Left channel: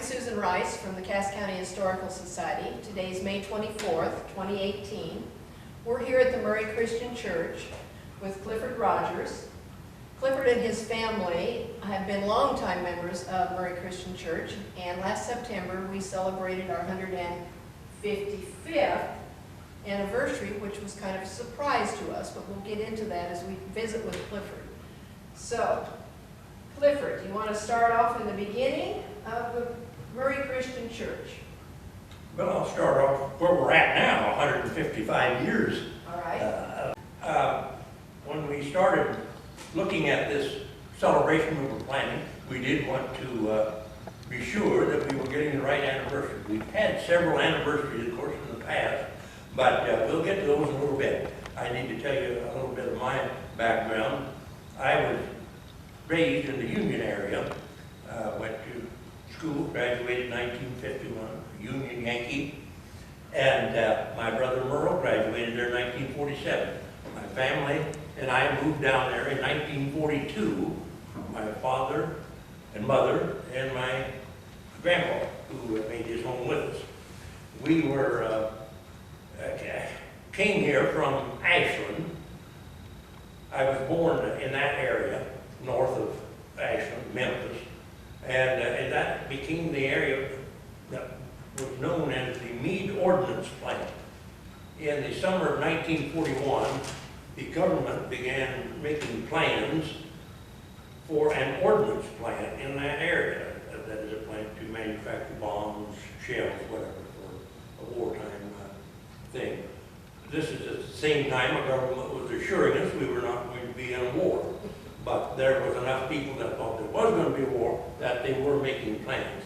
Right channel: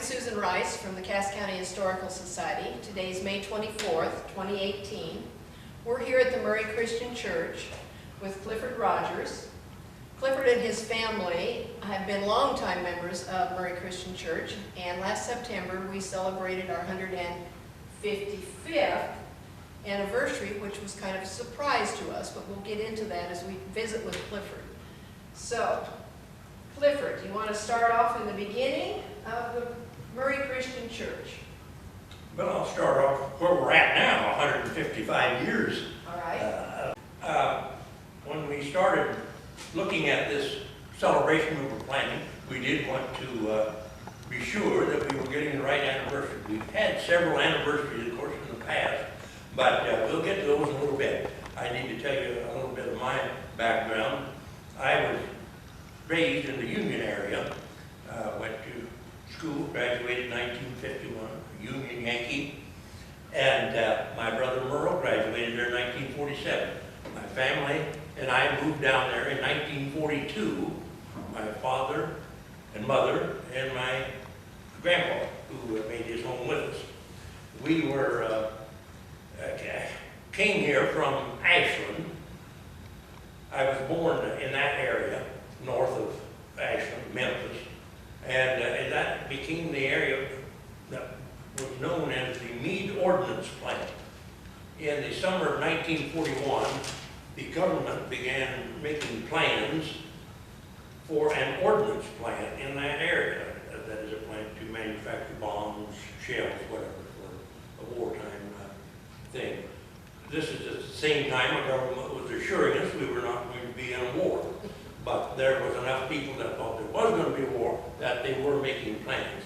I'm Susan Rice from the Cass County Historical Society. Today's May 24th, 2018. We're here at the Murray Christian Church with Clifford Rogers. Clifford and his family have been longtime members of Murray Christian Church, and last September we celebrated our 155th anniversary, which was kind of a surprise to us, but we'll get into that as we visit with Clifford. So, Clifford, you want to start off in the beginning of the Murray Christian Church? Well, I'll start off where we're at now, 155 years. All right. When we started looking at this celebration we were planning, we did want to be sure that we were getting the right anniversary. We've had several anniversaries, of course, in the past, but we'll get to those in a little bit. I need to tell you a little bit of my background. I was raised in the Union area, went to school, graduated in 1951, Union Yankee, and my brother Merle graduated there in 1947. My family and I moved down there in 1942, my father and mother and my grandpa, who made his home with us. We were, came here from Ashland. I was born in that area, north of Ashland, Memphis, and that became the area that was known as the Meade Ordnance Plant. In the summer of 1941, the government began making plans for an ordnance plant in that area. That is a plant to manufacture bombs, shells, whatever, for a wartime thing. This is at the same time the government was assuring us we were not going to be in a war. But there was enough people that thought there was going to be a war that they were making plans.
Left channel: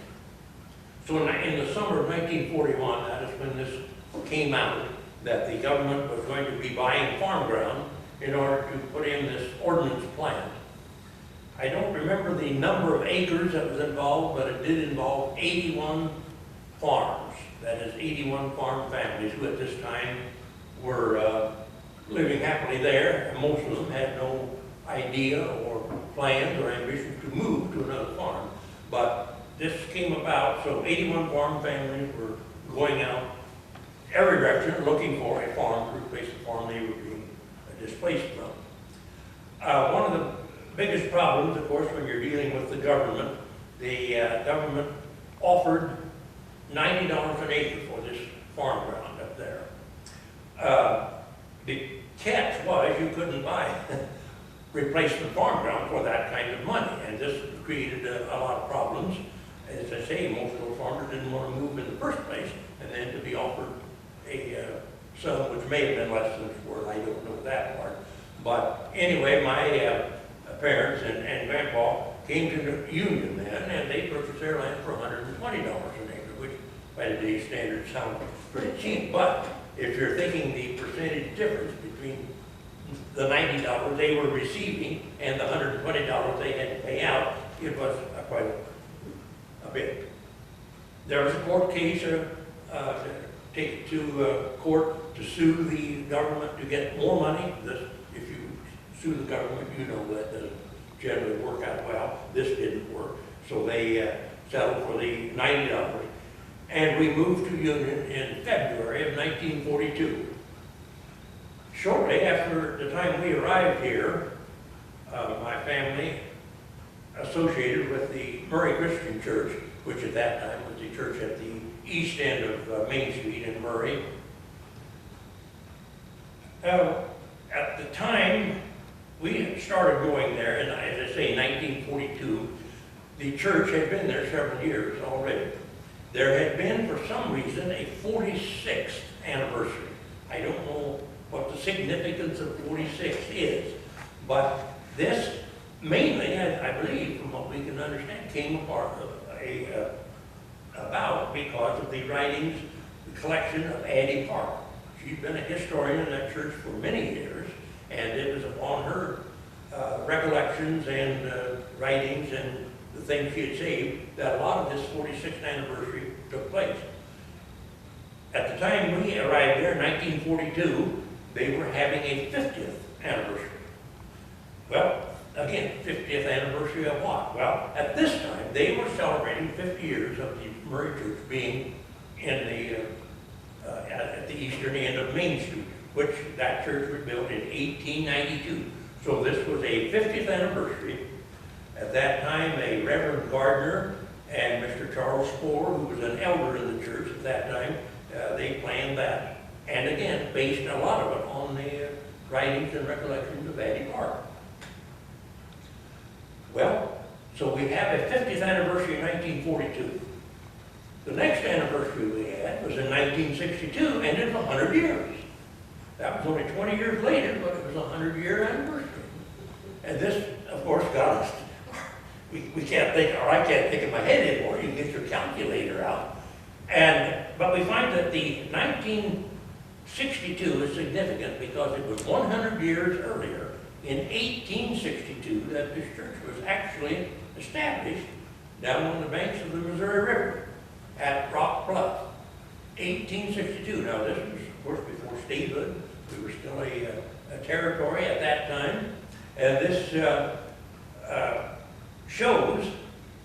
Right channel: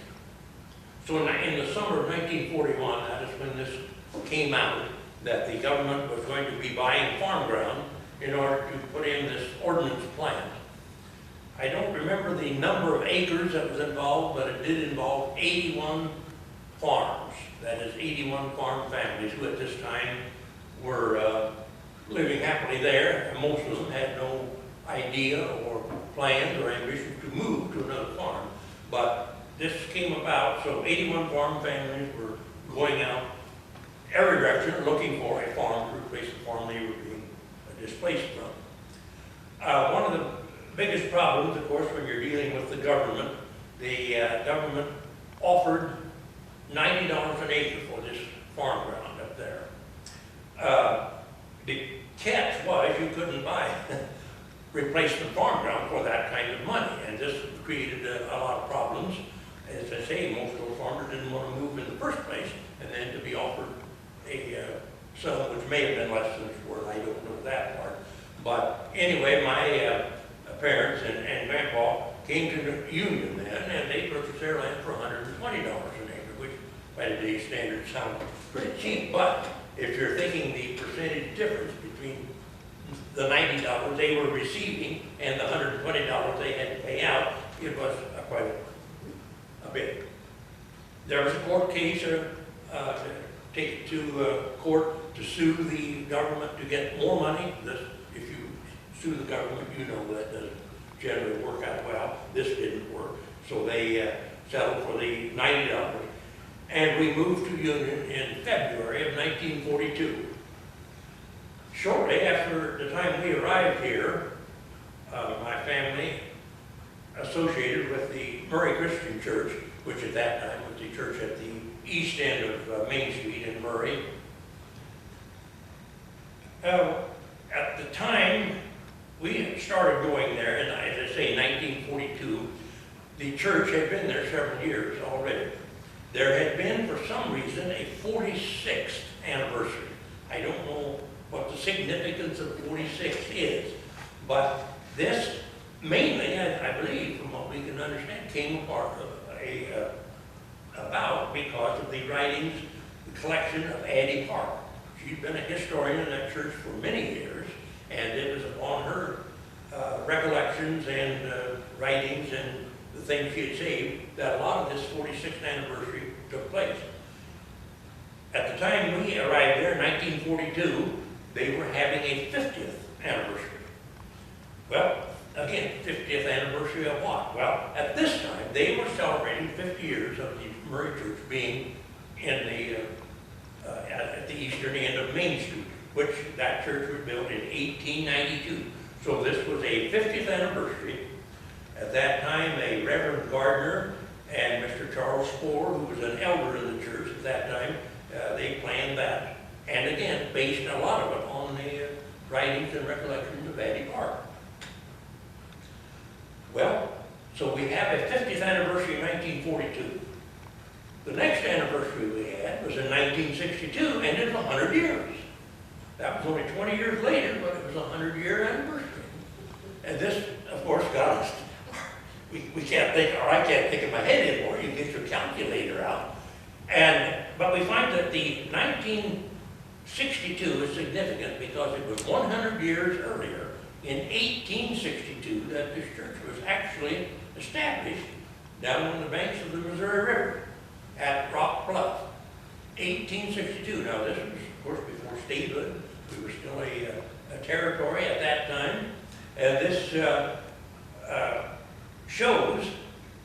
So in the summer of 1941, that is when this came out, that the government was going to be buying farm ground in order to put in this ordnance plant. I don't remember the number of acres that was involved, but it did involve 81 farms. That is 81 farm families who at this time were living happily there, and most of them had no idea or plans or ambitions to move to another farm. But this came about, so 81 farm families were going out every direction looking for a farm to replace the farm they were being displaced from. One of the biggest problems, of course, when you're dealing with the government government offered $90 an acre for this farm ground up there. The catch was you couldn't buy replacement farm ground for that kind of money, and this created a lot of problems. As I say, most of those farmers didn't want to move in the first place, and then to be offered a sum which may have been less than it's worth. I don't know that part. But anyway, my parents and grandpa came to the Union then, and they purchased their land for $120 an acre, which by today's standards sounds pretty cheap. But if you're thinking the percentage difference between the $90 they were receiving and the $120 they had to pay out, it was quite a bit. There was a court case to take it to court to sue the government to get more money. If you sue the government, you know that doesn't generally work out well. This didn't work, so they settled for the $90. And we moved to Union in February of 1942. Shortly after the time we arrived here, my family associated with the Murray Christian Church, which at that time was the church at the east end of Main Street in Murray. At the time we had started going there, and as I say, 1942, the church had been there several years already. There had been, for some reason, a 46th anniversary. I don't know what the significance of 46 is, but this mainly, I believe, from what we can understand, came about because of the writings, the collection of Addie Park. She'd been a historian in that church for many years, and it was upon her recollections and writings and the things she had saved that a lot of this 46th anniversary took place. At the time we arrived there in 1942, they were having a 50th anniversary. Well, again, 50th anniversary of what? Well, at this time, they were celebrating 50 years of the Murray Church being in at the eastern end of Main Street, which that church was built in 1892. So this was a 50th anniversary. At that time, a Reverend Gardner and Mr. Charles Spohr, who was an elder in the church at that time, they planned that. And again, based a lot of it on the writings and recollections of Addie Park. Well, so we have a 50th anniversary in 1942. The next anniversary we had was in 1962, and it was 100 years. That was only 20 years later, but it was a 100-year anniversary. And this, of course, got us, we can't think, or I can't think in my head anymore. You get your calculator out. But we find that the 1962 is significant because it was 100 years earlier, in 1862, that this church was actually established down on the banks of the Missouri River at Rock Bluff. 1862. Now this was, of course, before statehood. We were still a territory at that time. And this shows,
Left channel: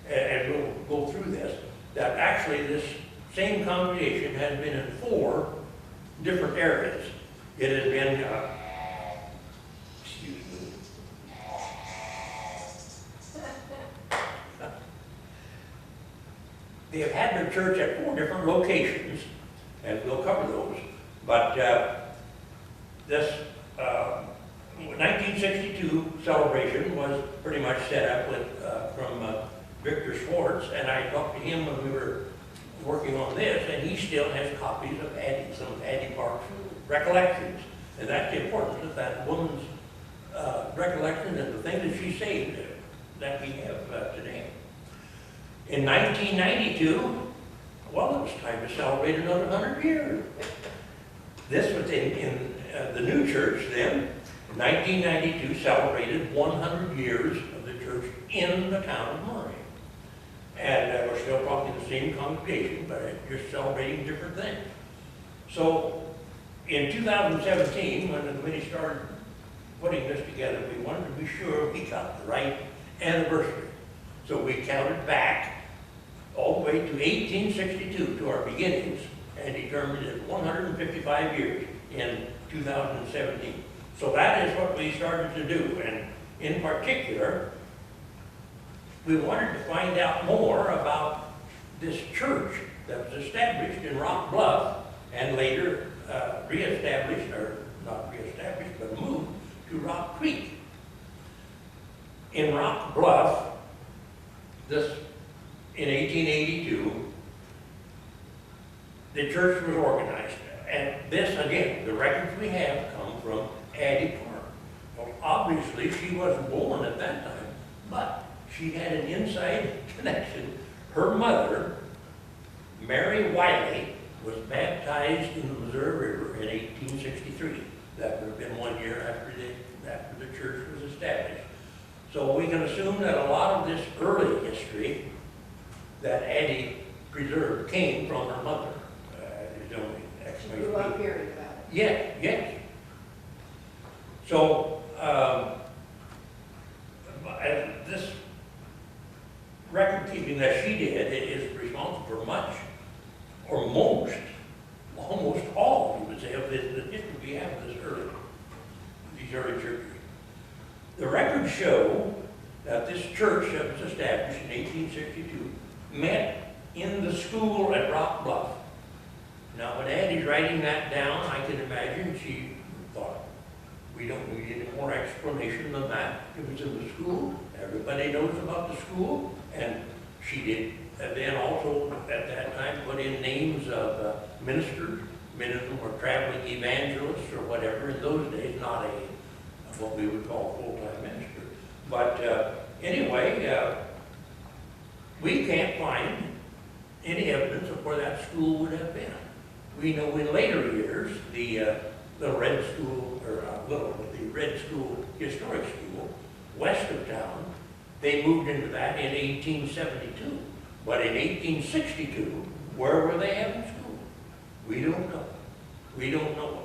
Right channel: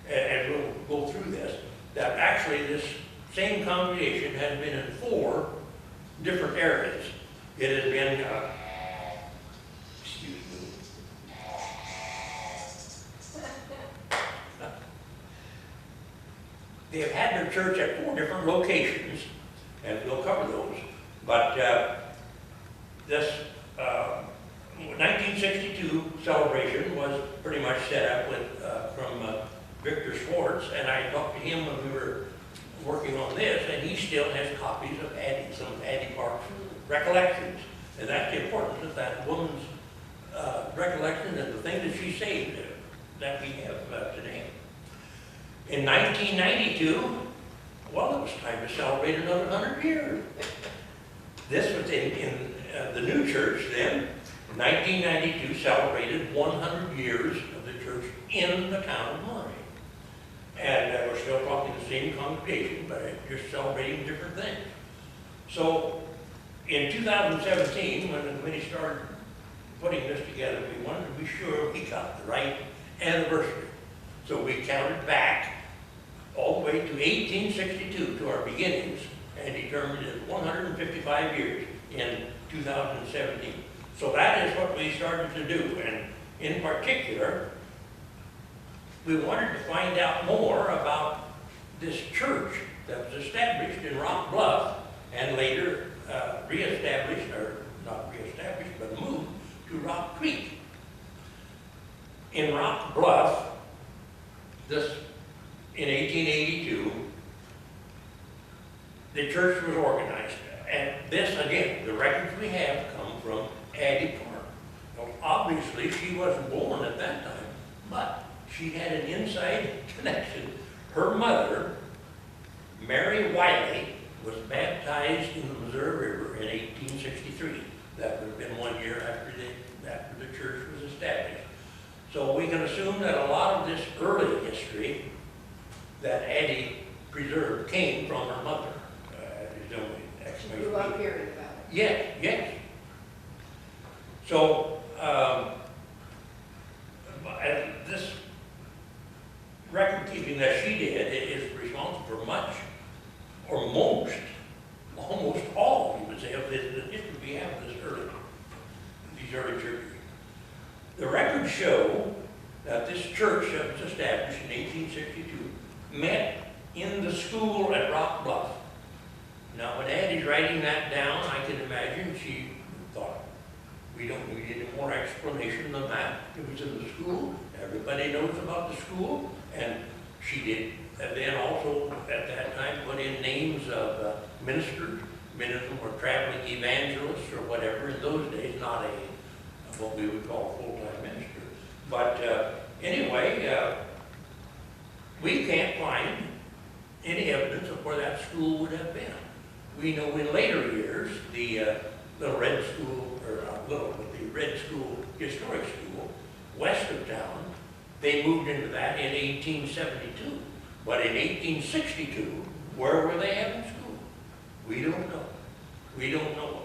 and we'll go through this, that actually this same congregation has been in 4 different areas. It has been, excuse me. They have had their church at 4 different locations, and we'll cover those. But this 1962 celebration was pretty much set up with from Victor Schwartz, and I talked to him when we were working on this, and he still has copies of Addie, some of Addie Park's recollections. And that's the importance of that woman's recollection and the things that she saved that we have today. In 1992, well, it was time to celebrate another 100 years. This was in the new church then. 1992 celebrated 100 years of the church in the town of Murray. And we're still talking the same congregation, but just celebrating different things. So in 2017, when the committee started putting this together, we wanted to be sure we got the right anniversary. So we counted back all the way to 1862, to our beginnings, and determined it 155 years in 2017. So that is what we started to do, and in particular, we wanted to find out more about this church that was established in Rock Bluff and later reestablished, or not reestablished, but moved to Rock Creek. In Rock Bluff, this in 1882, the church was organized. And this, again, the records we have come from Addie Park. Well, obviously, she wasn't born at that time, but she had an inside connection. Her mother, Mary Wiley, was baptized in the Missouri River in 1863. That would have been 1 year after the church was established. So we can assume that a lot of this early history that Addie preserved came from her mother. Is the only She grew up hearing about it. Yes, yes. So, this record keeping that she did is responsible for much, or most, almost all, you would say, of the history we have of these early churches. The records show that this church that was established in 1862 met in the school at Rock Bluff. Now, when Addie's writing that down, I can imagine she thought, we don't need any more explanation than that. It was in the school. Everybody knows about the school. And she did then also, at that time, put in names of ministers. Many of them were traveling evangelists or whatever. In those days, not what we would call a full-time minister. But anyway, we can't find any evidence of where that school would have been. We know in later years, the Red School, or not little, but the Red School, Historic School, west of town, they moved into that in 1872. But in 1862, where were they having school? We don't know. We don't know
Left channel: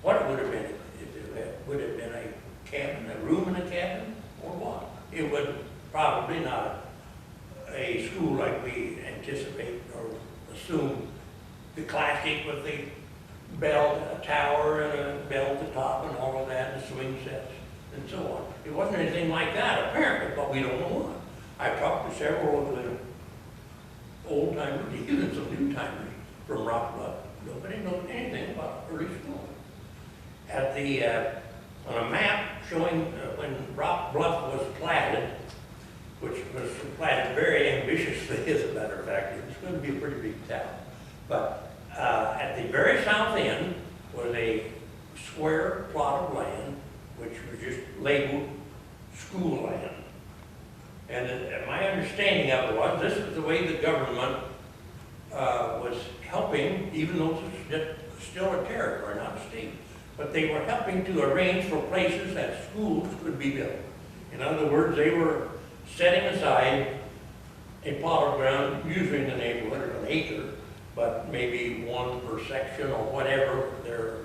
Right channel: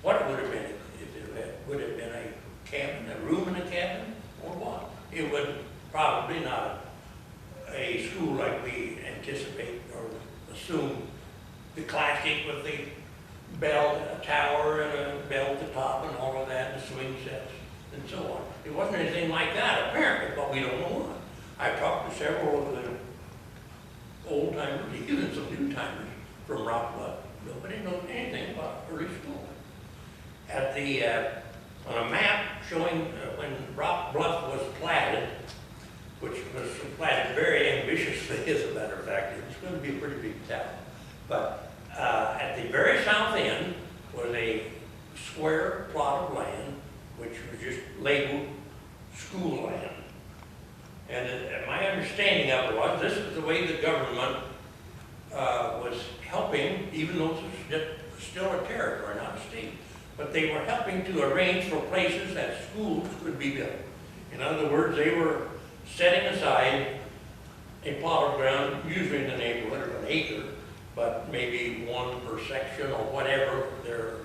what it would have been, if it would have been a cabin, a room in a cabin, or what. it would probably not a school like we anticipate or assume. The classic with the bell tower and a bell at the top and all of that, and swing sets and so on. It wasn't anything like that apparently, but we don't know what. I've talked to several of the old timers, even some new timers from Rock Bluff. Nobody knows anything about early school. At the on a map showing when Rock Bluff was platted, which was platted very ambitiously, as a matter of fact, it was going to be a pretty big town. But at the very south end was a square plot of land, which was just labeled school land. And my understanding of it was, this is the way the government was helping, even though this was still a territory, not a state, but they were helping to arrange for places that schools could be built. In other words, they were setting aside a plot of ground, usually in the neighborhood of an acre, but maybe one per section or whatever their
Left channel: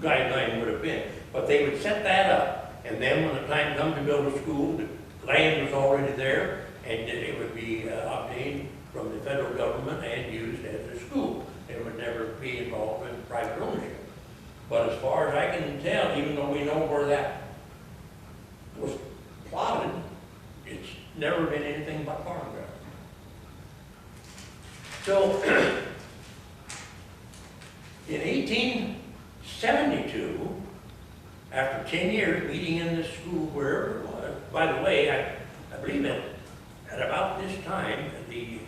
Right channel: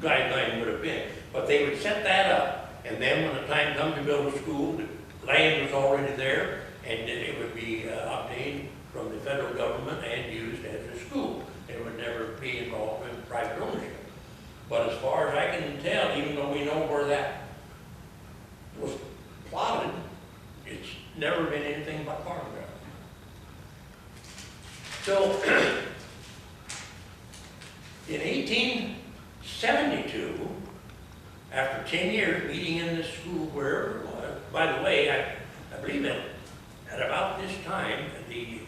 guideline would have been. But they would set that up, and then when the time comes to build a school, the land was already there, and it would be obtained from the federal government and used as a school. It would never be involved in private ownership. But as far as I can tell, even though we know where that was plotted, it's never been anything but farm ground. So, in 1872, after 10 years meeting in this school, wherever it was, by the way, I believe that at about this time, the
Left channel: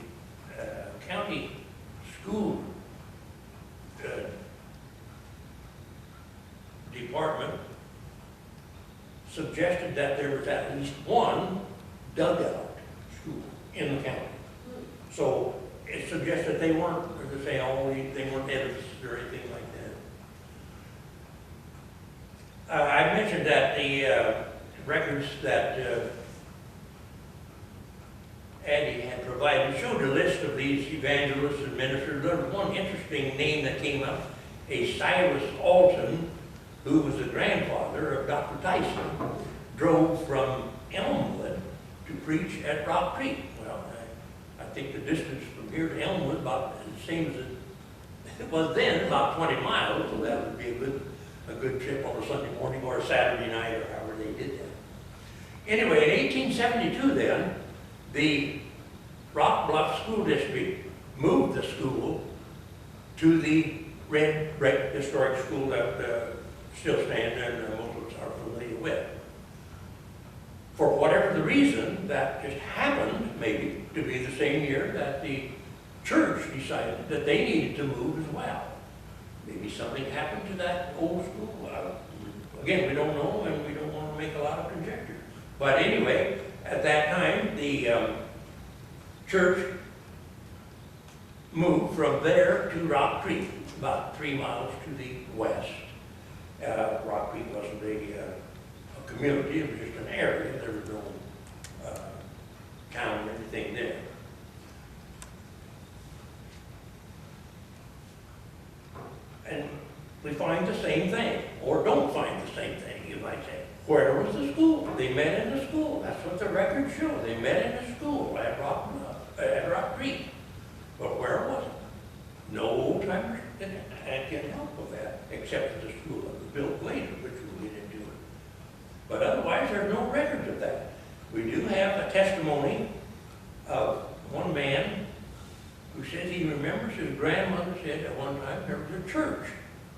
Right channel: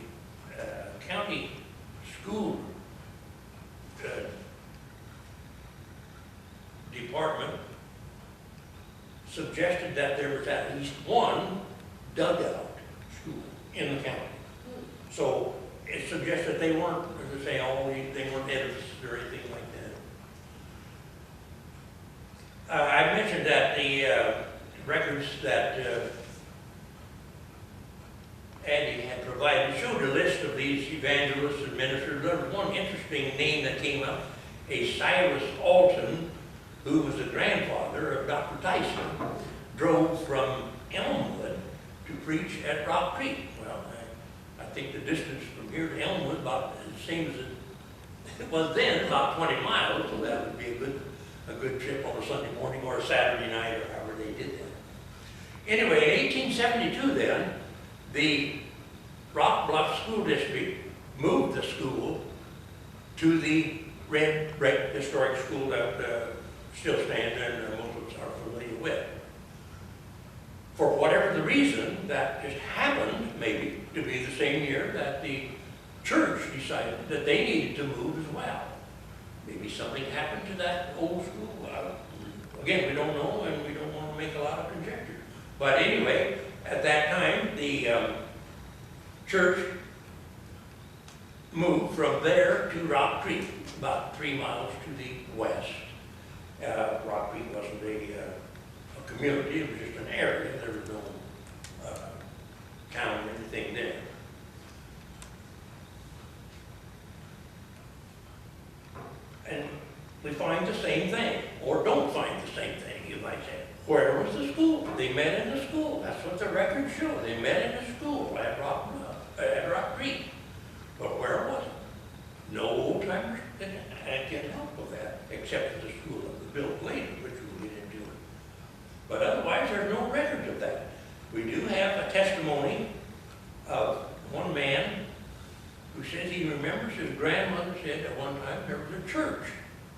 county school department suggested that there was at least one dugout school in the county. So it suggests that they weren't, as I say, they weren't edifices or anything like that. I mentioned that the records that Andy had provided showed a list of these evangelists and ministers. There was one interesting name that came up, a Cyrus Alton, who was the grandfather of Dr. Tyson, drove from Elmwood to preach at Rock Creek. Well, I think the distance from here to Elmwood about the same as it was then, about 20 miles, so that would be a good trip on a Sunday morning or a Saturday night or however they did that. Anyway, in 1872 then, the Rock Bluff School District moved the school to the red brick historic school that still stands and most of us are familiar with. For whatever the reason, that just happened maybe to be the same year that the church decided that they needed to move as well. Maybe something happened to that old school. Again, we don't know and we don't want to make a lot of conjecture. But anyway, at that time, the church moved from there to Rock Creek, about 3 miles to the west. Rock Creek wasn't a community, it was just an area. There was no town or anything there. And we find the same thing, or don't find the same thing, you might say. Where was the school? They met in the school. That's what the records show. They met in the school at Rock Creek. But where was it? No old timers can help with that, except for the school that was built later, which we'll get into. But otherwise, there's no records of that. We do have a testimony of one man who says he remembers his grandmother said at one time there was a church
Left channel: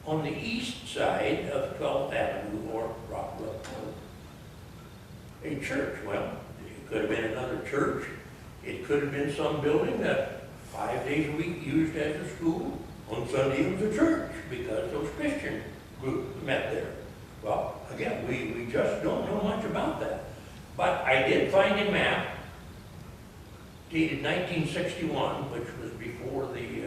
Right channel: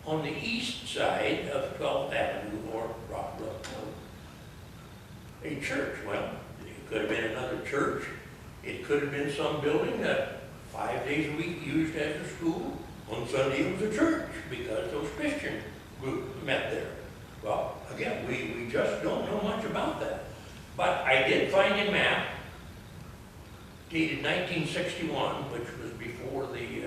on the east side of 12th Avenue or Rock Bluff Road. A church. Well, it could have been another church. It could have been some building that 5 days a week used as a school. On Sunday it was a church because those Christian groups met there. Well, again, we just don't know much about that. But I did find a map dated 1961, which was before the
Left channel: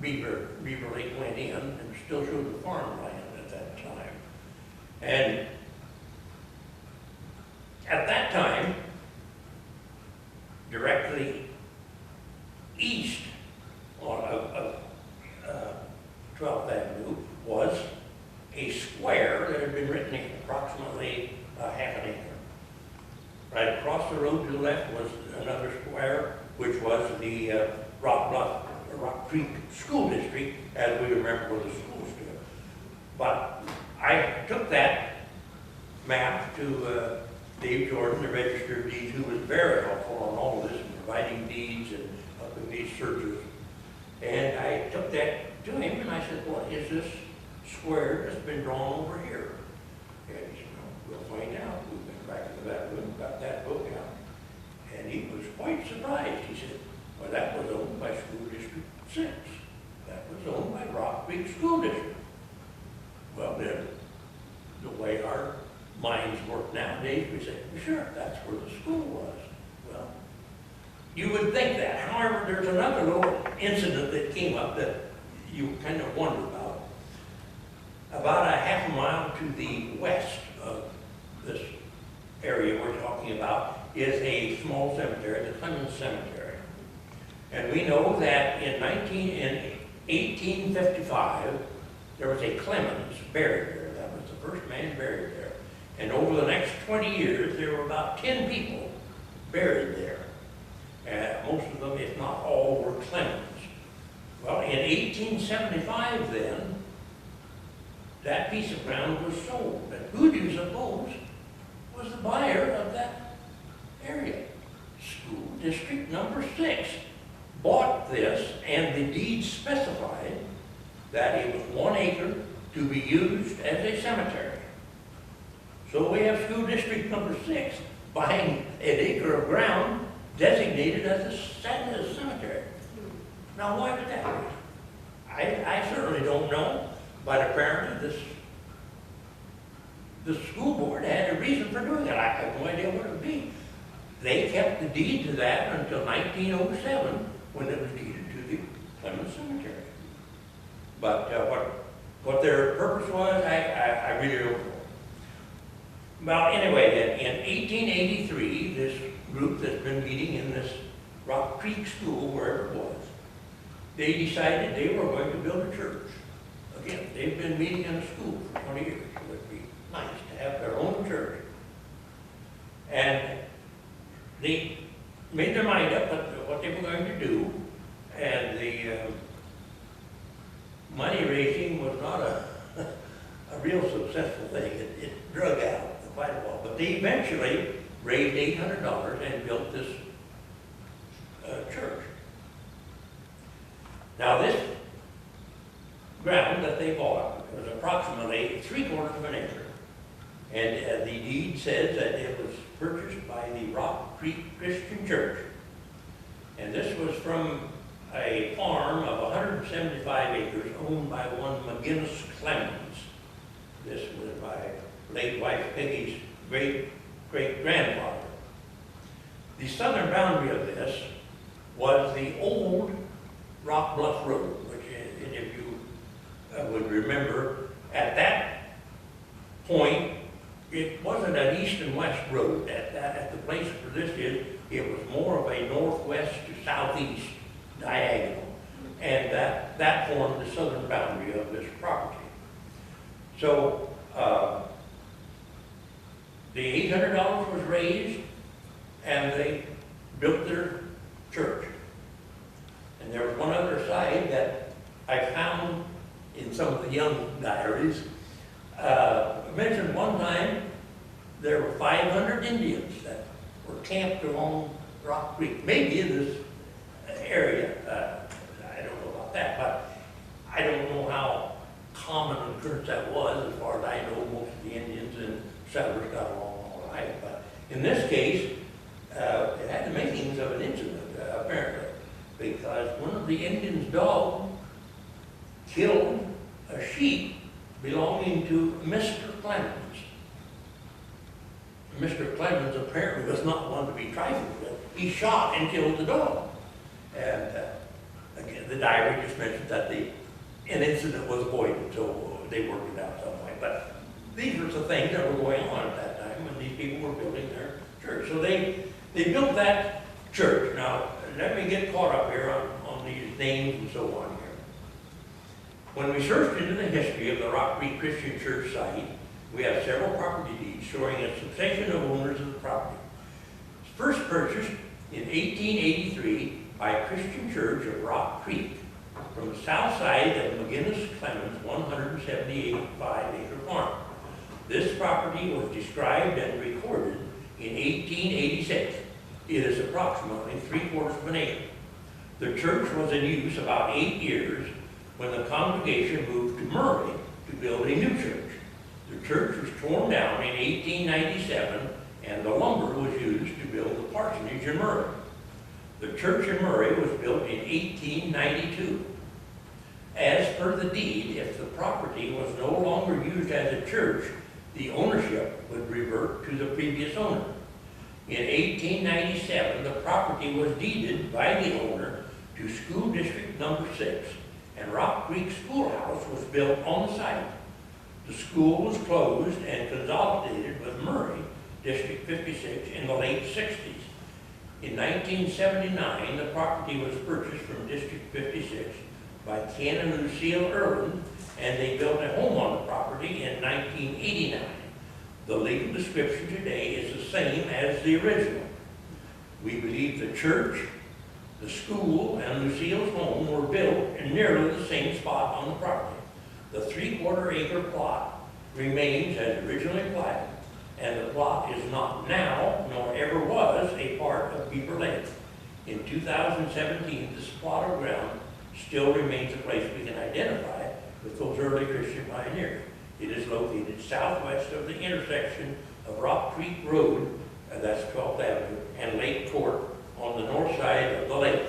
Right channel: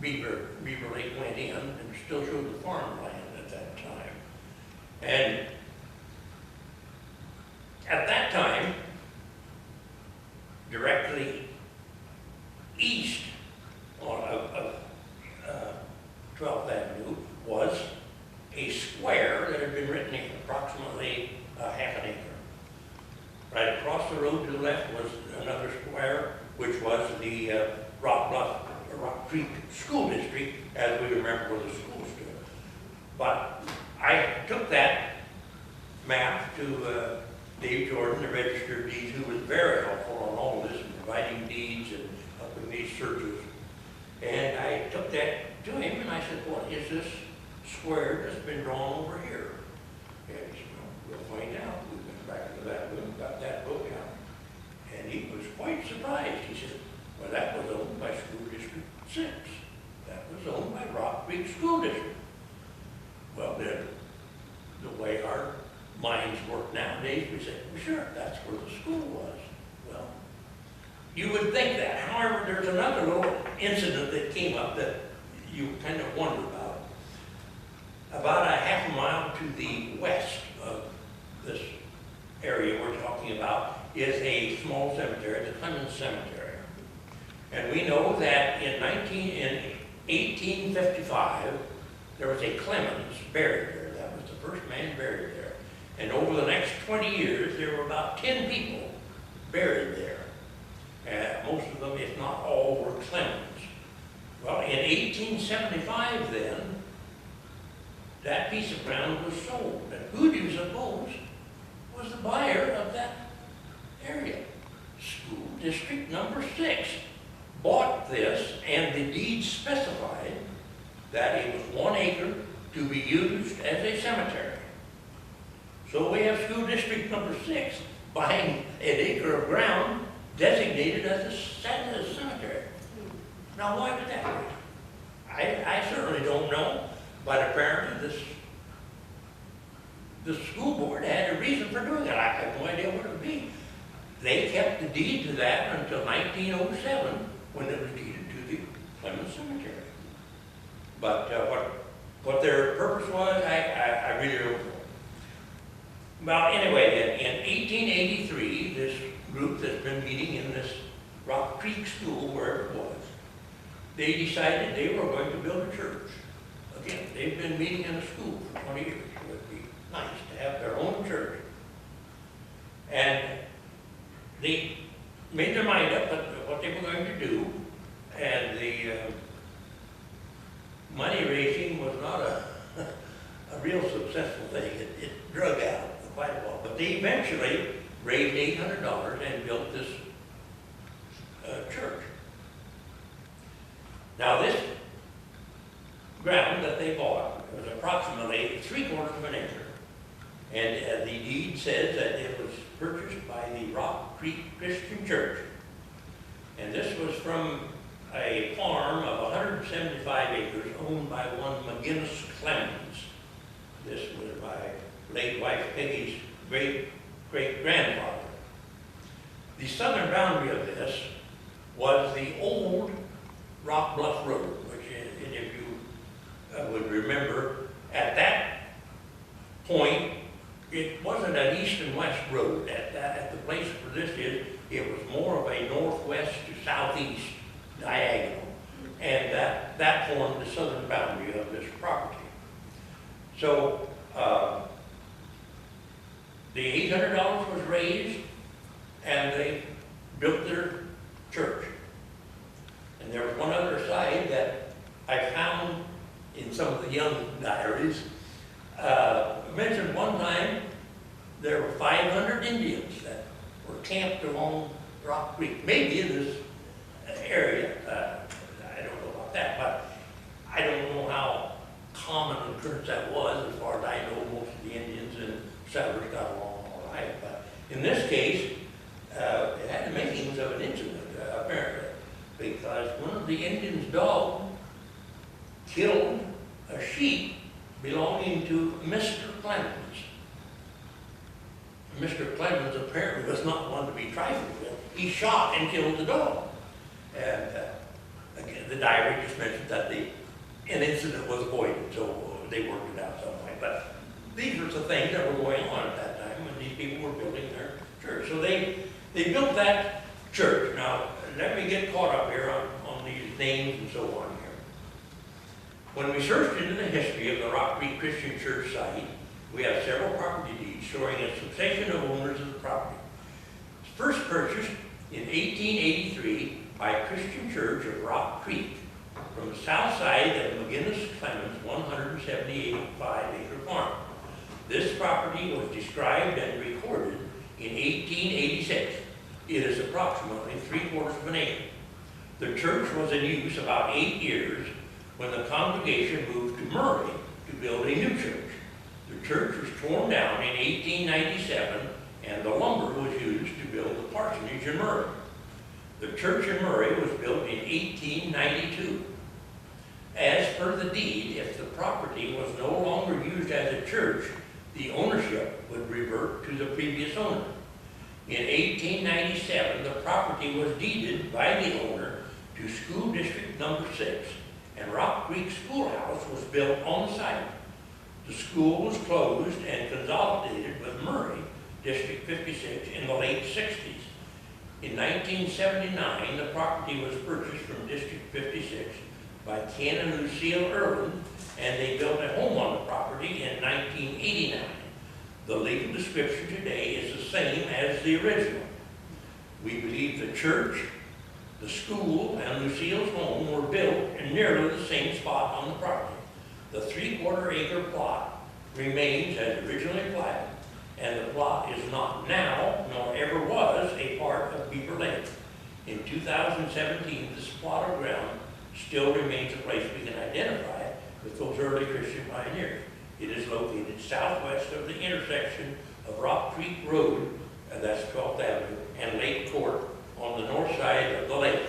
Beaver Lake went in, and still showed the farmland at that time. And at that time, directly east of 12th Avenue was a square that had been written in, approximately half an acre. Rock Creek School District, as we remember where the school stood. But I took that map to Dave Jordan, the Register of Deeds, who was very helpful on all of this, in providing deeds and helping these searches. And I took that to him and I said, what is this square that's been drawn over here? And he said, well, we'll find out. We went back into that room, got that book out. And he was quite surprised. He said, well, that was owned by School District 6. That was owned by Rock Creek School District. Well, then, the way our minds work nowadays, we say, well, sure, that's where the school was. Well, you would think that. However, there's another little incident that came up that you kind of wonder about. About a half a mile to the west of this area we're talking about is a small cemetery, the Clemens Cemetery. And we know that in 1855, there was a Clemens buried there. That was the first man buried there. And over the next 20 years, there were about 10 people buried there. Most of them, if not all, were Clemens. Well, in 1875 then, that piece of ground was sold. And who do you suppose was the buyer of that area? School District number 6 bought this, and the deed specified that it was 1 acre to be used as a cemetery. So we have School District number 6 buying an acre of ground designated as a cemetery. Now, why would that be? I certainly don't know, but apparently the school board had a reason for doing it. I have no idea what it would be. They kept the deed to that until 1907, when it was deeded to the Clemens Cemetery. But what their purpose was, I really don't know. Well, anyway, in 1883, this group that's been meeting in this Rock Creek School, wherever it was, they decided they were going to build a church. Again, they've been meeting in a school for 20 years. It would be nice to have their own church. And they made their mind up what they were going to do, and the money raising was not a real successful thing. It drug out quite a while, but they eventually raised $800 and built this church. Now this ground that they bought was approximately 3/4 of an acre, and the deed says that it was purchased by the Rock Creek Christian Church, and this was from a farm of 175 acres owned by one McGinnis Clemens. This was my late wife Peggy's great-great-grandfather. The southern boundary of this was the old Rock Bluff Road, which, and if you would remember, at that point, it wasn't an east and west road. At the place where this is, it was more of a northwest to southeast diagonal, and that formed the southern boundary of this property. So the $800 was raised, and they built their church. And there was one other side that I found in some of the young diaries. Mentioned one time there were 500 Indians that were camped along Rock Creek, maybe in this area. I don't know about that, but I don't know how common an occurrence that was. As far as I know, most of the Indians and settlers got along all right. But in this case, it had the makings of an incident, apparently, because one of the Indians' dogs killed a sheep belonging to Mr. Clemens. Mr. Clemens apparently was not one to be trifled with. He shot and killed the dog. And again, the diary just mentioned that an incident was avoided, so they worked it out some way. But these were the things that were going on at that time when these people were building their church. So they built that church. Now, let me get caught up here on these names and so on here. When we searched into the history of the Rock Creek Christian Church site, we have several property deeds showing a succession of owners of the property. First purchased in 1883 by Christian Church of Rock Creek from the south side of McGinnis-Clemens 175-acre farm. This property was described and recorded in 1886. It is approximately 3/4 of an acre. The church was in use about 8 years when the congregation moved to Murray to build a new church. The church was torn down in 1897 and the lumber was used to build the parsonage in Murray. The church in Murray was built in 1892. As per the deed, if the property was no longer used as a church, the ownership would revert to the previous owner. In 1897, the property was deeded by the owner to School District Number 6, and Rock Creek Schoolhouse was built on the site. The school was closed and consolidated with Murray, District 56, in the late 60s. In 1979, the property was purchased from District 56 by Ken and Lucille Erland, and they built a home on the property in 1989. The legal description today is the same as the original. We believe the church, the school, and Lucille's home were built in nearly the same spot on the property. The 3/4 acre plot remains as originally platted, and the plot is not now, nor ever was, a part of Beaver Lake. In 2017, this plot of ground still remains a place we can identify with those early Christian pioneers. It is located southwest of the intersection of Rock Creek Road, that's 12th Avenue, and Lake Court on the north side of the lake.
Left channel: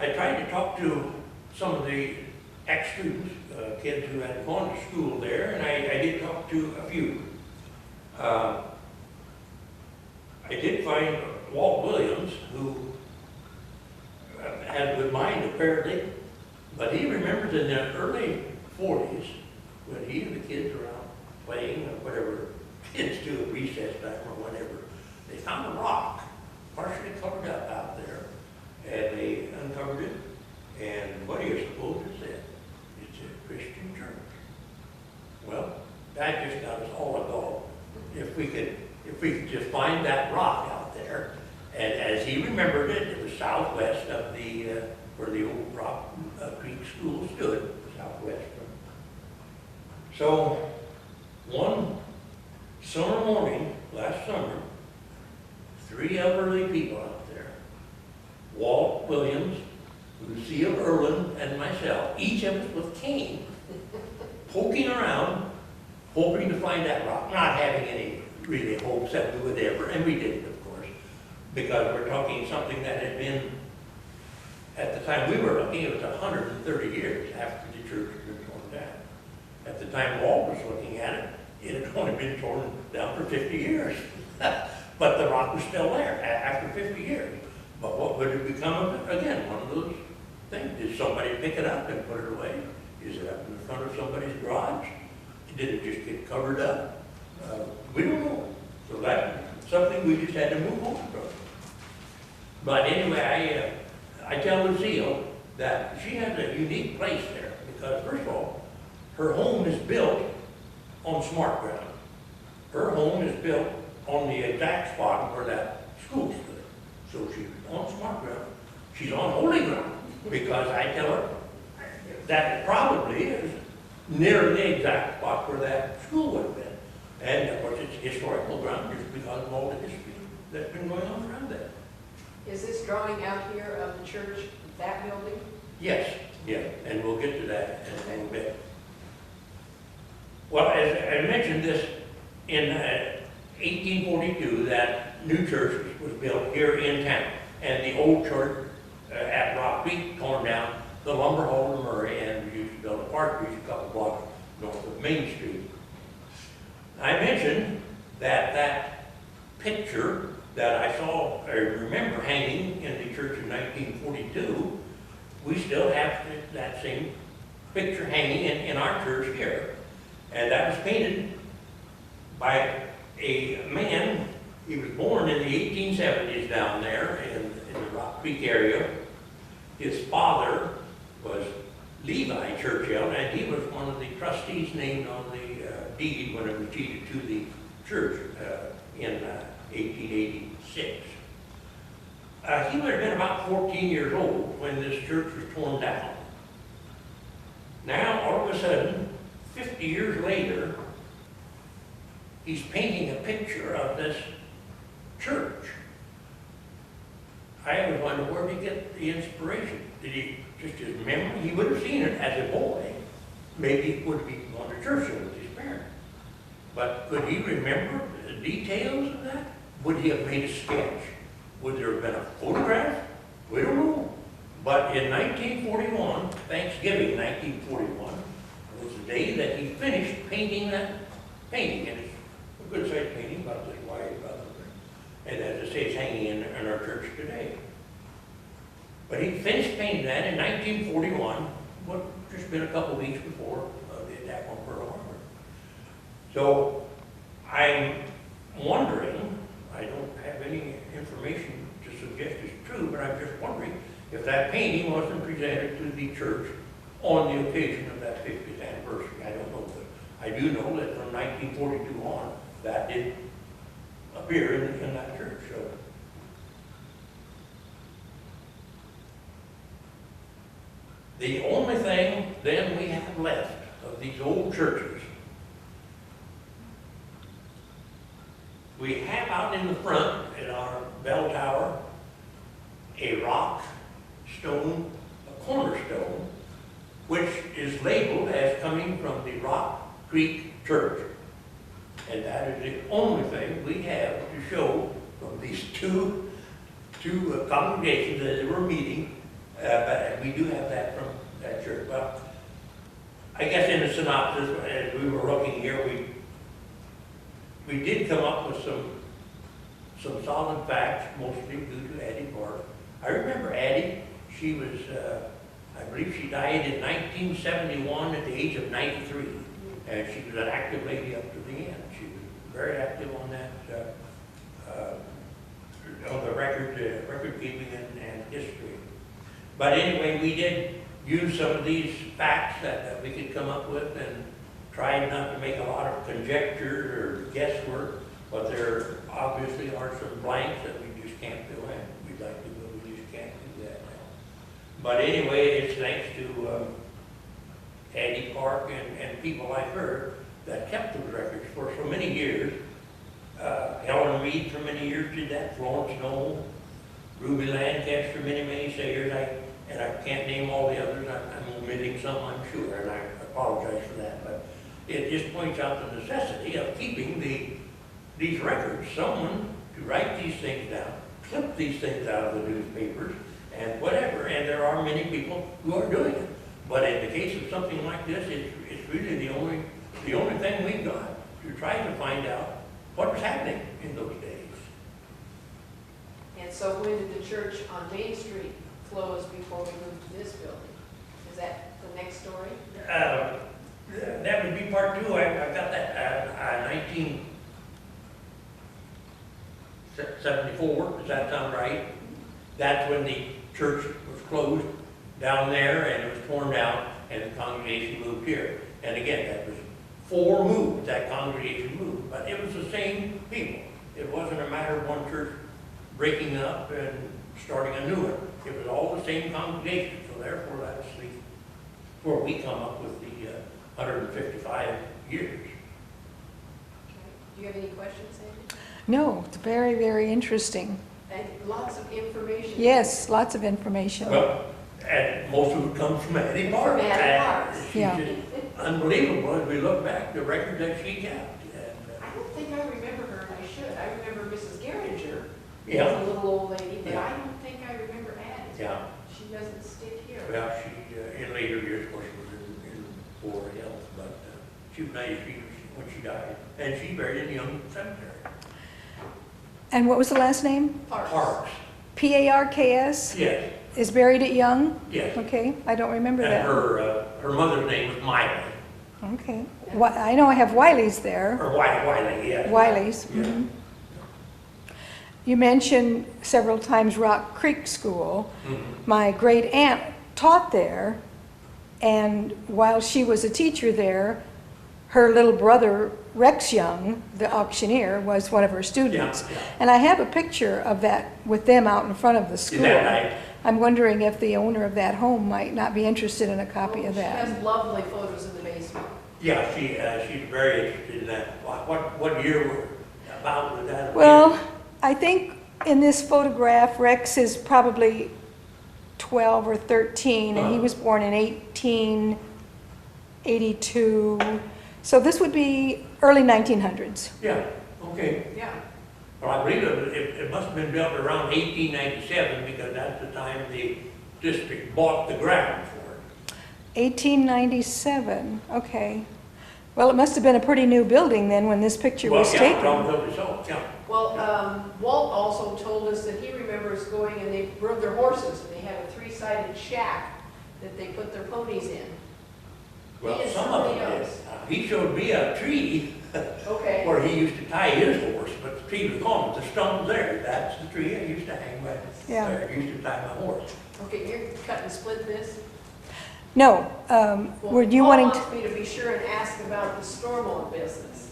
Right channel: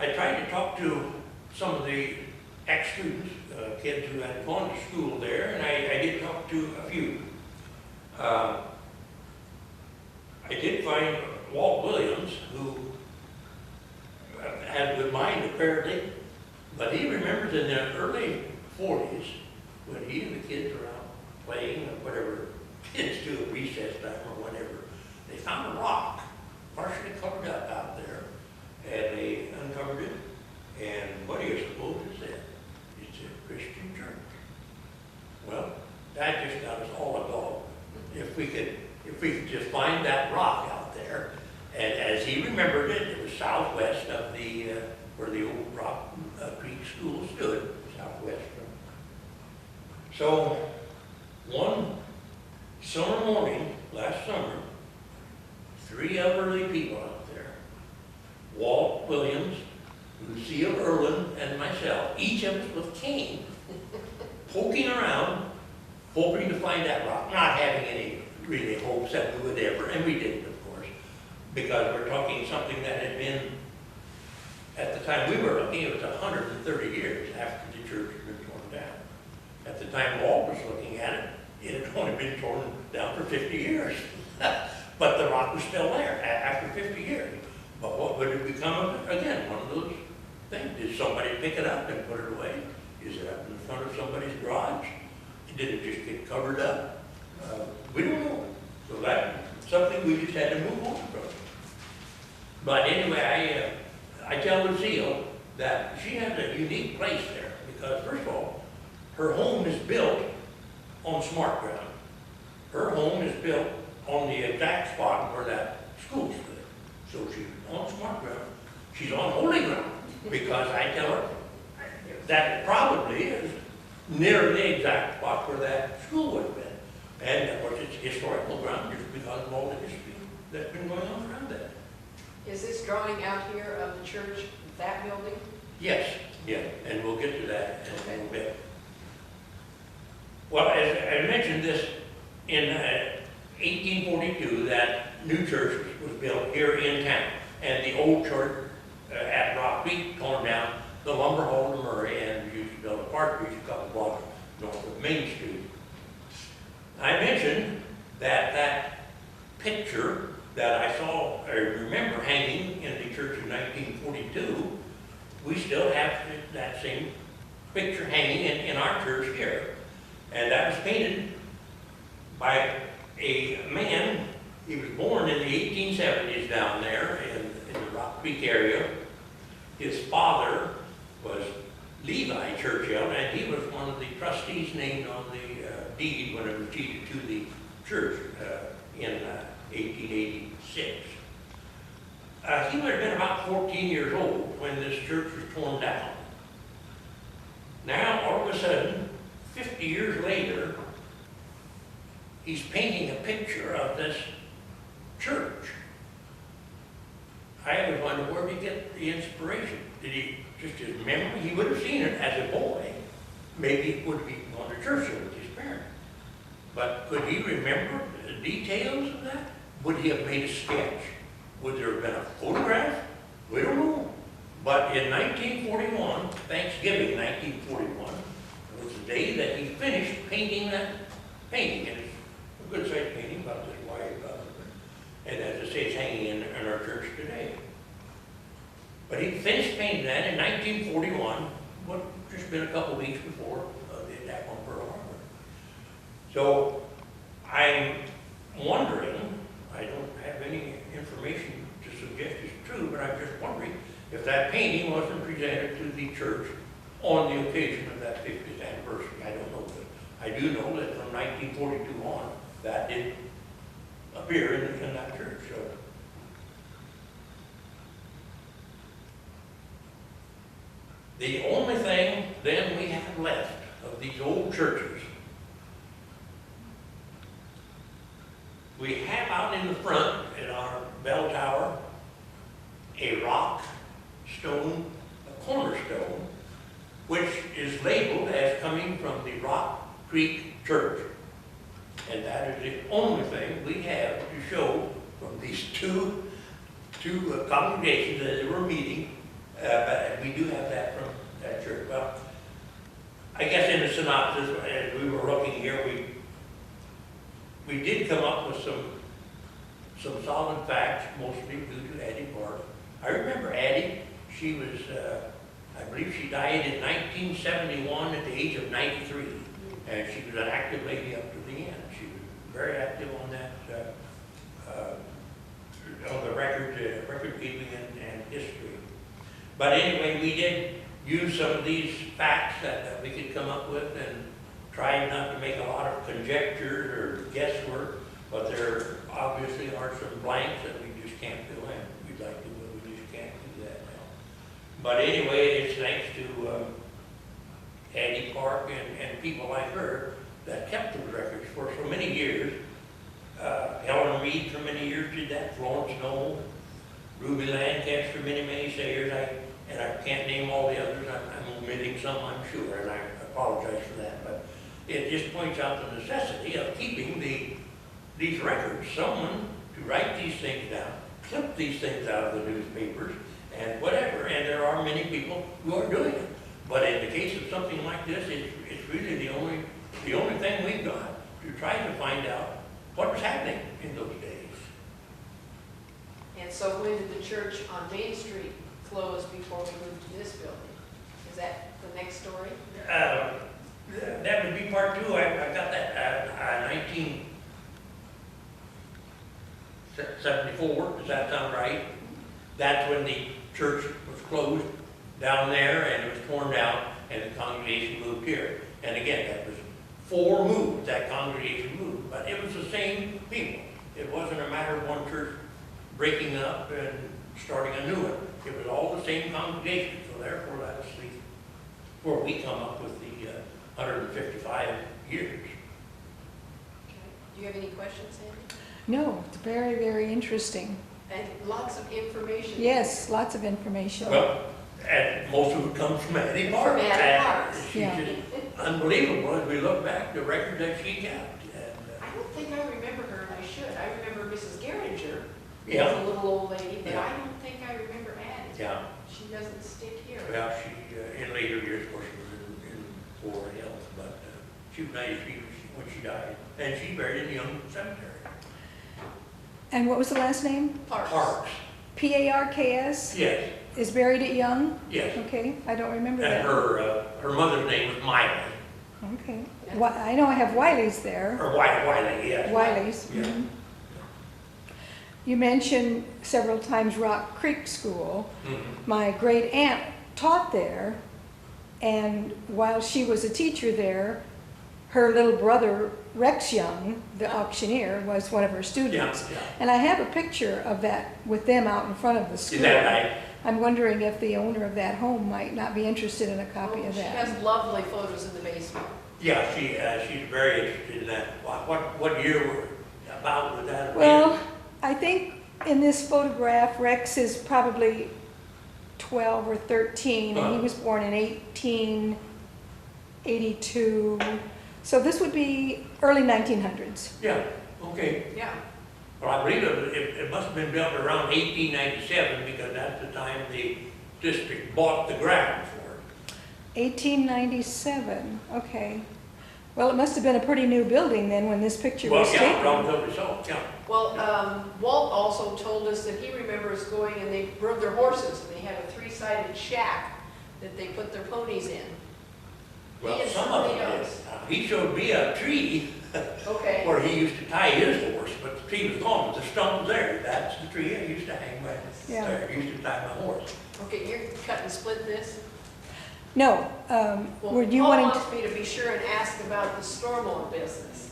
I tried to talk to some of the ex-students, kids who had gone to school there, and I did talk to a few. I did find Walt Williams, who had a good mind apparently, but he remembers in the early 40s when he and the kids were out playing or whatever kids do at recess time or whatever, they found a rock partially covered up out there, and they uncovered it, and what do you suppose it said? It's a Christian church. Well, that just got us all agog. If we could just find that rock out there, and as he remembered it, it was southwest of the where the old Rock Creek School stood, southwest from. So one summer morning last summer, 3 elderly people out there, Walt Williams, Lucille Erland, and myself, each of us with cane, poking around, hoping to find that rock, not having any really hopes that we would ever, and we didn't, of course, because we're talking something that had been, at the time we were looking, it was 130 years after the church had been torn down. At the time Walt was looking at it, it had only been torn down for 50 years. But the rock was still there after 50 years. But what would it become of it? Again, one of those things. Did somebody pick it up and put it away? Is it up in the front of somebody's garage? Did it just get covered up? We don't know. So that's something we just had to move on from. But anyway, I tell Lucille that she has a unique place there because, first of all, her home is built on smart ground. Her home is built on the exact spot where that school stood. So she's on smart ground. She's on holy ground because I tell her that probably is near the exact spot where that school would have been. And of course it's historical ground just because of all the history that's been going on around that. Is this drawing out here of the church, that building? Yes, yeah, and we'll get to that in a little bit. Well, as I mentioned this, in 1842, that new church was built here in town, and the old church at Rock Creek torn down, the lumber hall to Murray, and used to build a partridge a couple blocks north of Main Street. I mentioned that that picture that I saw, I remember hanging in the church in 1942, we still have that same picture hanging in our church here. And that was painted by a man. He was born in the 1870s down there in the Rock Creek area. His father was Levi Churchill, and he was one of the trustees named on the deed when it was deeded to the church in 1886. He would have been about 14 years old when this church was torn down. Now, all of a sudden, 50 years later, he's painting a picture of this church. I always wondered, where did he get the inspiration? Did he just his memory? He would have seen it as a boy. Maybe he would be going to church with his parents. But could he remember the details of that? Would he have made a sketch? Would there have been a photograph? We don't know. But in 1941, Thanksgiving 1941, was the day that he finished painting that painting. And it's a good-sized painting, about this wide, and as I say, it's hanging in our church today. But he finished painting that in 1941, what just been a couple weeks before the attack on Pearl Harbor. So I'm wondering, I don't have any information to suggest it's true, but I'm just wondering if that painting wasn't presented to the church on the occasion of that 50th anniversary. I don't know, but I do know that from 1942 on, that did appear in that church. So the only thing then we have left of these old churches, we have out in the front at our bell tower a rock stone, a cornerstone, which is labeled as coming from the Rock Creek Church. And that is the only thing we have to show from these two congregations that they were meeting, but we do have that from that church. Well, I guess in the synopsis, as we were looking here, we did come up with some solid facts, mostly due to Addie Park. I remember Addie. She was, I believe she died in 1971 at the age of 93. And she was an active lady up to the end. She was very active on that, on the record keeping and history. But anyway, we did use some of these facts that we could come up with and try not to make a lot of conjecture or guesswork, but there obviously are some blanks that we just can't fill in. We'd like to, but we just can't do that now. But anyway, it's thanks to Addie Park and people like her that kept those records for so many years. Helen Reed for many years did that, Florence Knoll, Ruby Lancaster, many sayers. And I can't name all the others. I'm omitting some, I'm sure, and I apologize for that. But it just points out the necessity of keeping these records. Someone to write these things down, clip these things out of the newspapers, and whatever. And there are many people who are doing it. But in the case of something like this, it's really the only thing we've got to try to find out what was happening in those days. And so when did the church on Main Street close before we moved to this building? Is that the next story? That would be part two. I've got that 1974. Does that sound right? That's when the church was closed down there and it was torn down and the congregation moved here. And again, that was 4 moves, that congregation moved, but it was the same people. It wasn't a matter of one church breaking up and starting a new one. It was all the same congregation, so therefore that's where we come up with the 155 years. Okay. Do you have any questions, Sandy? No, it's very, very interesting. And lots of information. Yes, lots of information. Well, and most of it comes from Addie Park. From Addie Park. She's Yeah. just unbelievable as we look back, the record that she kept. And, I don't think I remember her, and I should. I remember Mrs. Geringer yeah, as a little old lady, but Yeah. I don't think I remember Addie. yeah. She doesn't stick here. Well, she, in later years, of course, she was in poor health, but she was 93 when she died. And she's buried in the Young Cemetery. And what was the last name? Parks. P-A-R-K-S? Yes, Is buried at Young? yes. Okay, I don't remember And that. her mother's name was Miley, Okay. I know I have Wiley's there. or Wiley, yes. Wiley's. Yeah. Mhm. You mentioned several times Rock Creek School. Mhm. My great aunt taught there And while she was a teacher there, her little brother, Rex Young, the auctioneer, was one of her students. Yeah. And I have a picture of that with them out in front of the school. Is that right? I'm wondering if the owner of that home might not be interested in a copy of She that. has lovely photos in the basement. Yeah, she's very interested in that. What year about was that? Well, I think in this photograph, Rex is probably 12 or 13, and he was born in 1882. So this would be early 1900s. Yeah, okay. Yeah. Well, I believe it must have been built around 1897 because that's the time the district bought the ground for it. 1897, okay. Well, it must have been a pretty new building then when this picture was Well, taken. probably so, yeah. Well, Walt also told us that he remembers going and they rode their horses and they had a 3-sided shack that they put their ponies in. Well, He some of them certainly did. knows. He showed me a tree Okay. where he used to tie his horse, but the tree was gone, the stump's there. That's the tree I used to hang my, Yeah. I used to tie my horse. Okay, you're cut and split this? No, Well, were you Paul wanting wants me to be sure and ask about the Stormont business.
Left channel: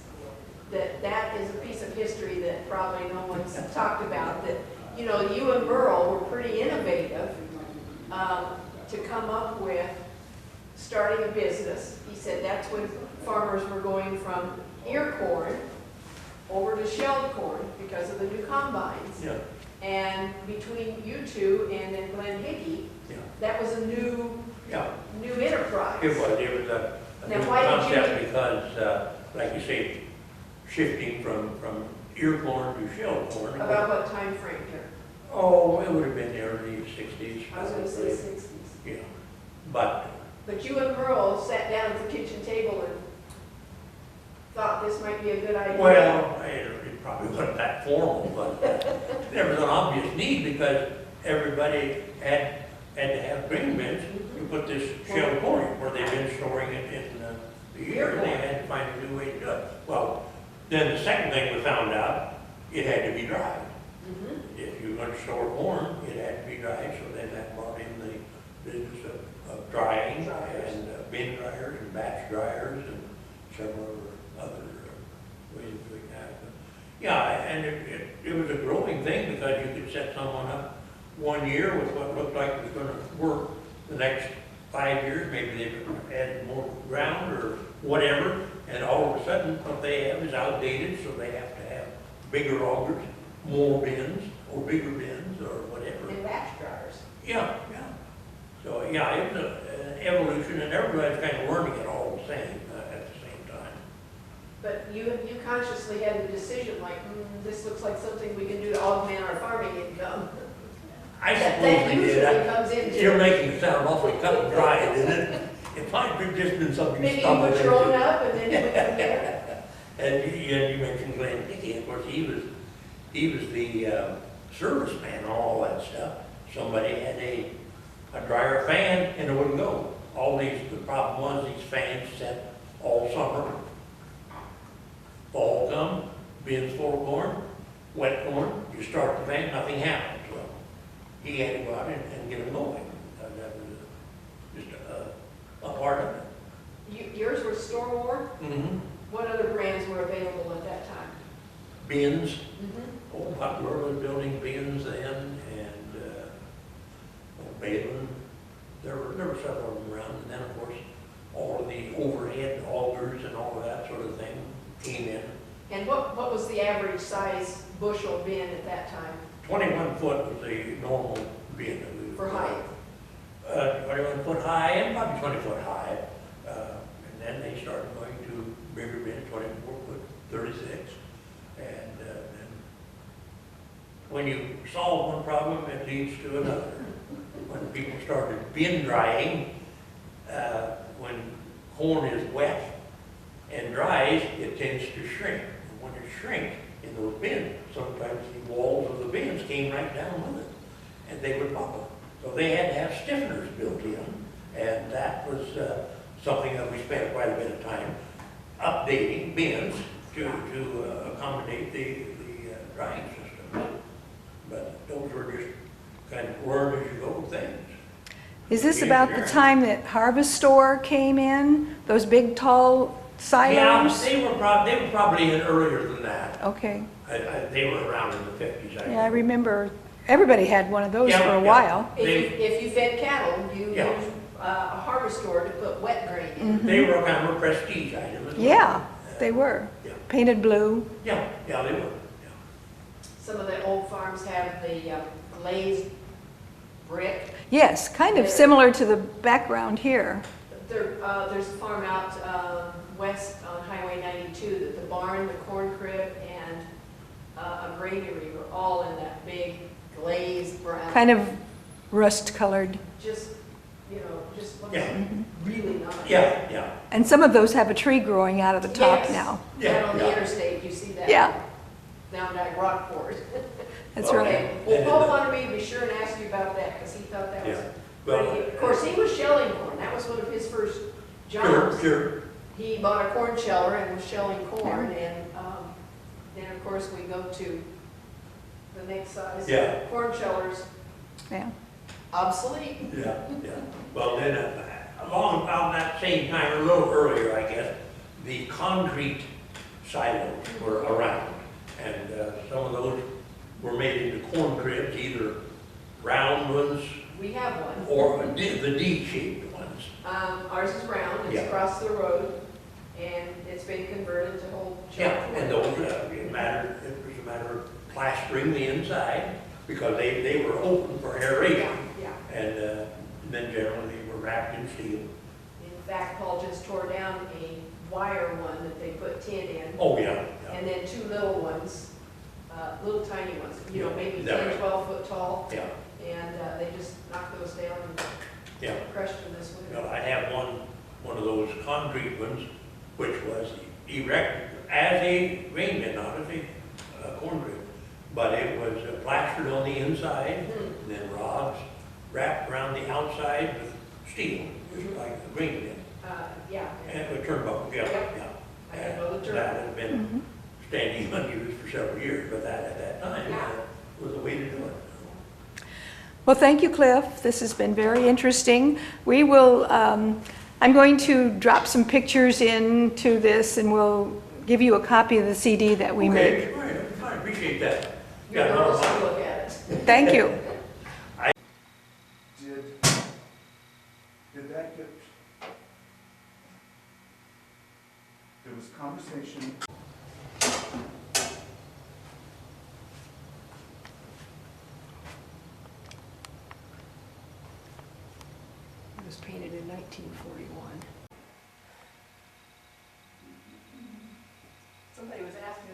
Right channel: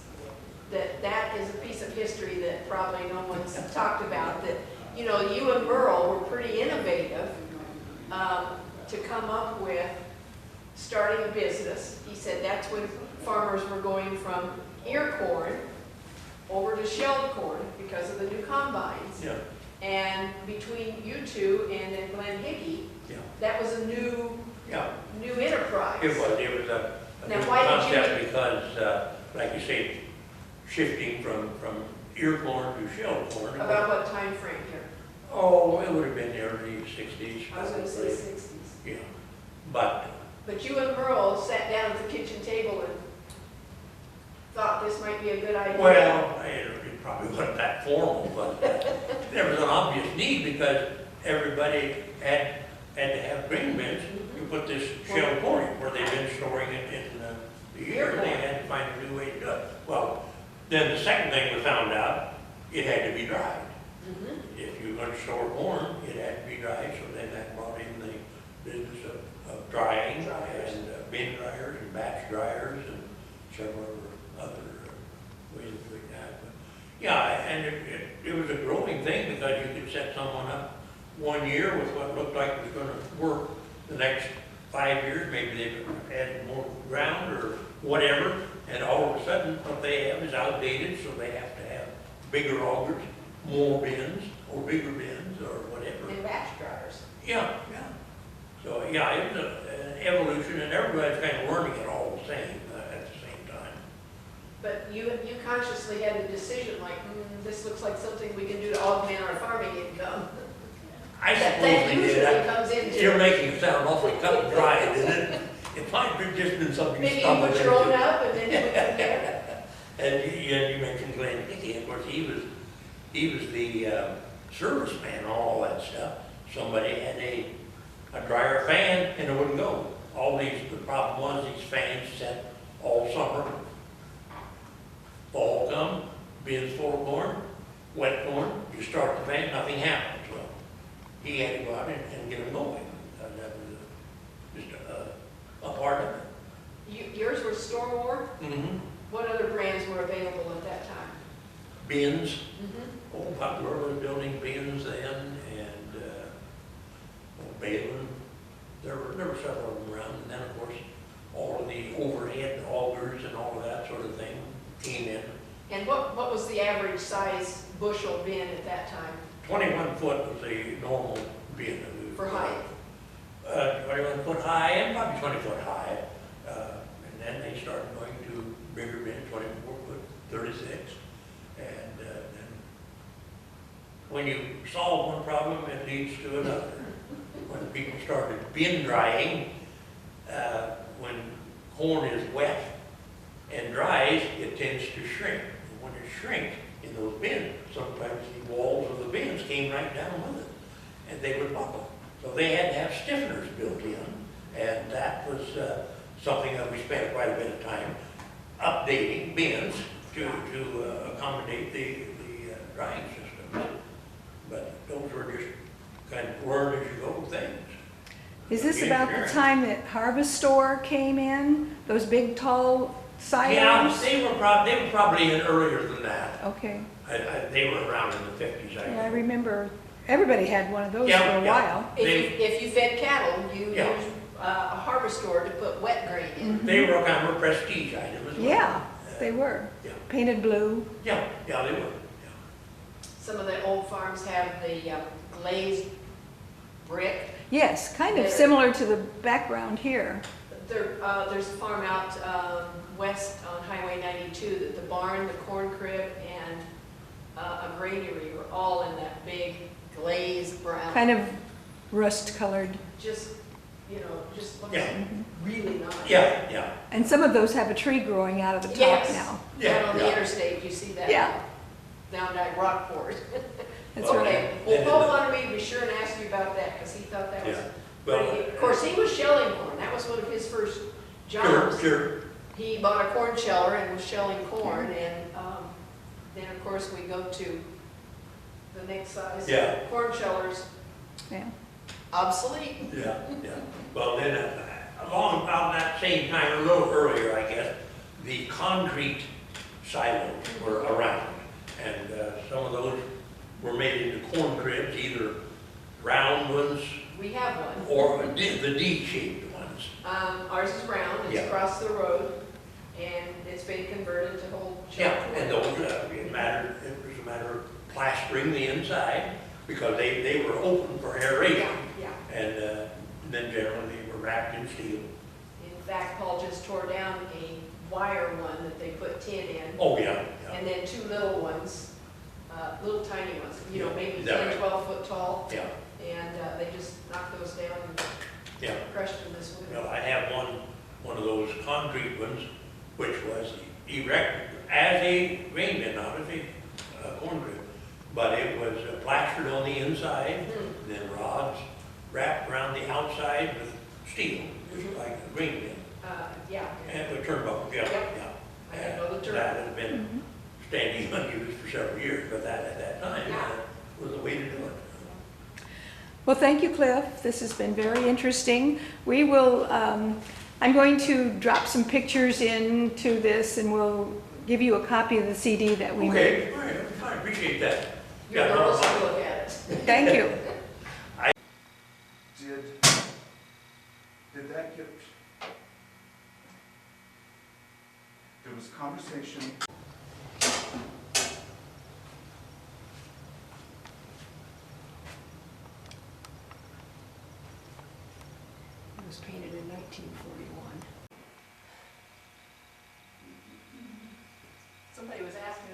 That is a piece of history that probably no one's talked about, that, you know, you and Merle were pretty innovative to come up with starting a business. He said that's when farmers were going from ear corn over to shelled corn because of the new combines. Yeah, And between you two and then Glenn Hickey, yeah, that was a new yeah. enterprise. It was a Now, new why did you concept need- because, like you say, shifting from ear corn to shell corn. About what time frame here? Oh, it would have been the early 60s. I was gonna say probably. 60s. Yeah, but, But you and Merle sat down at the kitchen table and thought this might be a good idea. well, it probably wasn't that formal, but there was an obvious need because everybody had to have grain bins to put this shell corn in, where they've been storing it in the year, and they had to find a new way to do it. Well, then the second thing we found out, it had to be dried. Mhm. If you were going to store corn, it had to be dried, so then that brought in the business of drying Dryers. and bin dryers and batch dryers and several other ways of doing that. But, yeah, and it was a growing thing because you could set someone up one year with what looked like it was going to work. The next 5 years, maybe they've added more ground or whatever, and all of a sudden what they have is outdated, so they have to have bigger augers, more bins, or bigger bins, or whatever. And batch dryers. Yeah, yeah. So, yeah, it was an evolution, and everybody's kind of learning it all the same, at the same time. But you consciously had the decision like, this looks like something we can do to augment our farming income. I That suppose we usually did. comes into You're it. making it sound awfully cut and dry, isn't it? It might have just been something you Maybe you stumbled put your own into. up and then you went from there. And you mentioned Glenn Hickey, of course, he was the serviceman and all that stuff. Somebody had a dryer fan and it wouldn't go. The problem was these fans set all summer. Fall come, bins full of corn, wet corn, you start the fan, nothing happens. Well, he had to go out and get them going. That was just a part of it. Yours were Stormont. Mm-hmm. What other brands were available at that time? Bins. Mm-hmm. Old Butler was building bins then, and old Balin. There were several of them around, and then of course all of the overhead augers and all of that sort of thing came in. And what was the average size bushel bin at that time? 21 foot was the normal bin that we would For height? 21 foot high and probably 20 foot high, and then they started going to bigger bins, 24 foot, 36, and then when you solve one problem, it leads to another. When people started bin drying, when corn is wet and dries, it tends to shrink. And when it shrinks in those bins, sometimes the walls of the bins came right down with it, and they would buckle. So they had to have stiffeners built in, and that was something that we spent quite a bit of time updating bins to accommodate the drying systems. But those were just kind of learn as you go things. Is this about the time that Harvest Store came in? Those big, tall Yeah, silos? they were probably in earlier than that. Okay. They were around in the 50s, I Yeah, I think. remember everybody had one of those Yeah, for a yeah. while. If you fed cattle, you Yeah. used a harvest store to put wet grain in. They were kind of a prestige item as well. Yeah, they were. Yeah. Painted blue. Yeah, yeah, they were, yeah. Some of the old farms have the glazed brick. Yes, kind of There. similar to the background here. There's a farm out west on Highway 92 that the barn, the corn crib, and a granary were all in that big glazed brown. Kind of rust-colored. Just, just looks Yeah. really nice. Yeah, yeah. And some of those have a tree growing out of the top Yes. now. Yeah, Down on the yeah. interstate, you see that. Yeah. Down at Rockport. That's right. Okay, well, Paul wanted me to be sure and ask you about that, because he thought that was Yeah. Well, pretty. Of course, he was shelling corn, that was one of his first Sure, jobs. sure. He bought a corn sheller and was shelling corn, and then, of course, we go to the next size. Yeah. Corn shellers, Yeah. obsolete. Yeah, yeah. Well, then, along about that same time, a little earlier, I guess, the concrete silos were around. And some of those were made into corn cribs, either round ones We have one. or the D-shaped ones. Ours is round, it's Yeah. across the road, and it's been converted to hold Yeah, shelter. and those, it was a matter of plastering the inside, because they were open for aeration. Yeah, yeah. And then generally they were wrapped in steel. In fact, Paul just tore down a wire one that they put tin in, Oh, yeah, yeah. and then two little ones, little tiny ones, Yeah, maybe is that 10, right? 12 foot tall, Yeah, and they just knocked those down and yeah. crushed them this winter. Well, I have one of those concrete ones, which was erected as a grain bin, not as a corn crib. But it was plastered on the inside, and then rods wrapped around the outside with steel, just like a grain bin. Yeah. And a turnbuckle, yeah, Yep. yeah. I didn't know the And term. that had been standing unused for several years, but that, at that time, Yeah. was the way to do it. Well, thank you, Cliff. This has been very interesting. We will, I'm going to drop some pictures into this, and we'll give you a copy of the CD that we made. Okay, all right, I appreciate that. Your Yeah, no, girls I- will look at it. Thank you. Did that get, there was conversation. It was painted in 1941. Somebody was asking